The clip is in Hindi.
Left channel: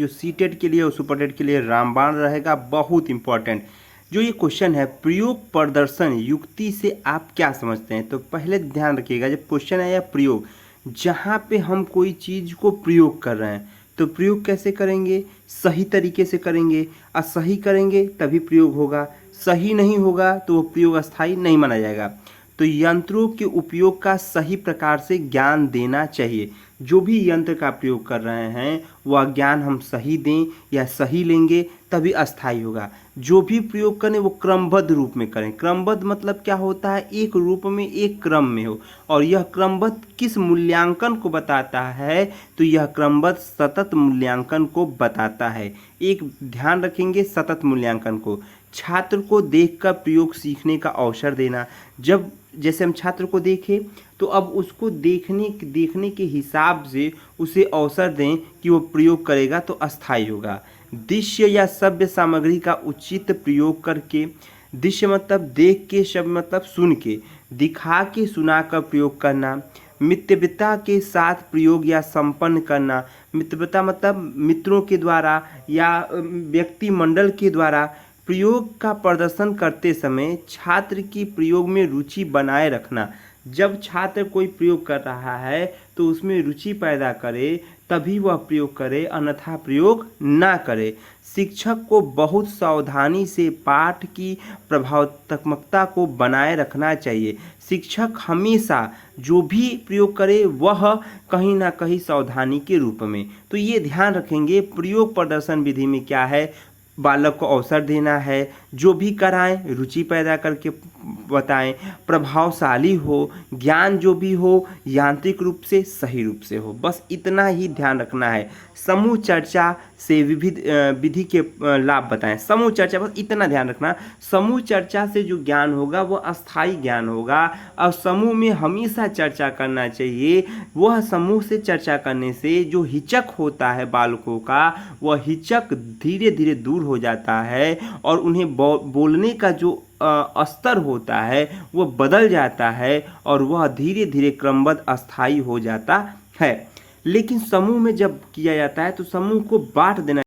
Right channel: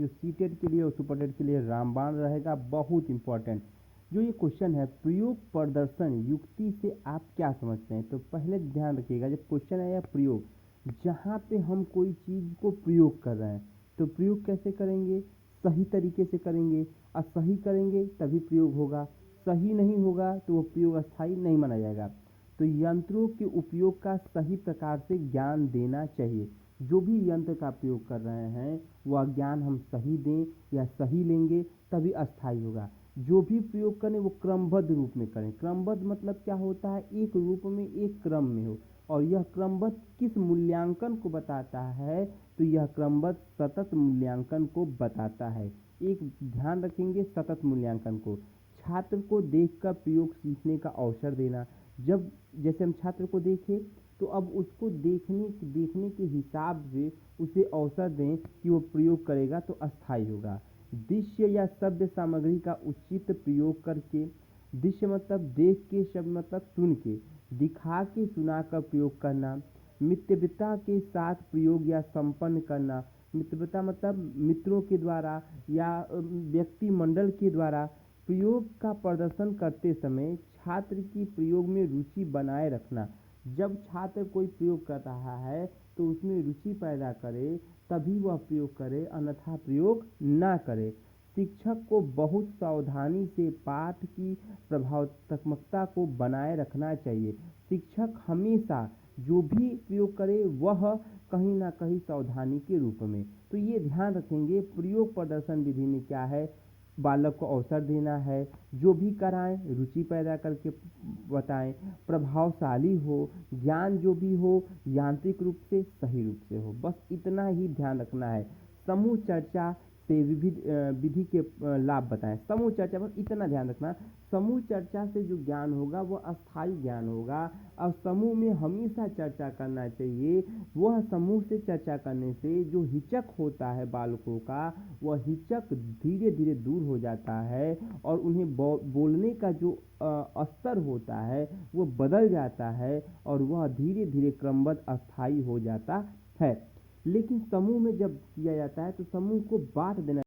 जो सीटेट के लिए और सुपरटेट के लिए रामबाण रहेगा, बहुत इंपॉर्टेंट। जो ये क्वेश्चन है, प्रयोग प्रदर्शन युक्ति से आप क्या समझते हैं? तो पहले ध्यान रखिएगा, जब क्वेश्चन है या प्रयोग, जहाँ पे हम कोई चीज़ को प्रयोग कर रहे हैं तो प्रयोग कैसे करेंगे? सही तरीके से करेंगे, और सही करेंगे तभी प्रयोग होगा। सही नहीं होगा तो वो प्रयोग अस्थायी नहीं माना जाएगा। तो यंत्रों के उपयोग का सही प्रकार से ज्ञान देना चाहिए। जो भी यंत्र का प्रयोग कर रहे हैं वह ज्ञान हम सही दें या सही लेंगे तभी अस्थायी होगा। जो भी प्रयोग करें वो क्रमबद्ध रूप में करें। क्रमबद्ध मतलब क्या होता है? एक रूप में, एक क्रम में हो। और यह क्रमबद्ध किस मूल्यांकन को बताता है? तो यह क्रमबद्ध सतत मूल्यांकन को बताता है। एक ध्यान रखेंगे, सतत मूल्यांकन को। छात्र को देखकर प्रयोग सीखने का अवसर देना। जब जैसे हम छात्र को देखें तो अब उसको देखने के हिसाब से उसे अवसर दें कि वो प्रयोग करेगा तो अस्थायी होगा। दृश्य या सभ्य सामग्री का उचित प्रयोग करके, दृश्य मतलब देख के, शब्द मतलब सुन के, दिखा के सुना कर प्रयोग करना। मित्रवता के साथ प्रयोग या संपन्न करना। मित्रवता मतलब मित्रों के द्वारा या व्यक्ति मंडल के द्वारा प्रयोग का प्रदर्शन करते समय छात्र की प्रयोग में रुचि बनाए रखना। जब छात्र कोई प्रयोग कर रहा है तो उसमें रुचि पैदा करे तभी वह प्रयोग करे, अन्यथा प्रयोग ना करे। शिक्षक को बहुत सावधानी से पाठ की प्रभावत्मकता को बनाए रखना चाहिए। शिक्षक हमेशा जो भी प्रयोग करे वह कहीं ना कहीं सावधानी के रूप में। तो ये ध्यान रखेंगे, प्रयोग प्रदर्शन विधि में क्या है? बालक को अवसर देना है, जो भी कराएं रुचि पैदा करके बताएं, प्रभावशाली हो, ज्ञान जो भी हो यांत्रिक रूप से, सही रूप से हो। बस इतना ही ध्यान रखना है। समूह चर्चा से विविध विधि के लाभ बताएं। समूह चर्चा, बस इतना ध्यान रखना, समूह चर्चा से जो ज्ञान होगा वो अस्थायी ज्ञान होगा। और समूह में हमेशा चर्चा करना चाहिए। वह समूह से चर्चा करने से जो हिचक होता है बालकों का, वह हिचक धीरे धीरे दूर हो जाता है और उन्हें बोलने का जो स्तर होता है वह बदल जाता है और वह धीरे धीरे क्रमबद्ध अस्थायी हो जाता है। लेकिन समूह में जब किया जाता है तो समूह को बांट देना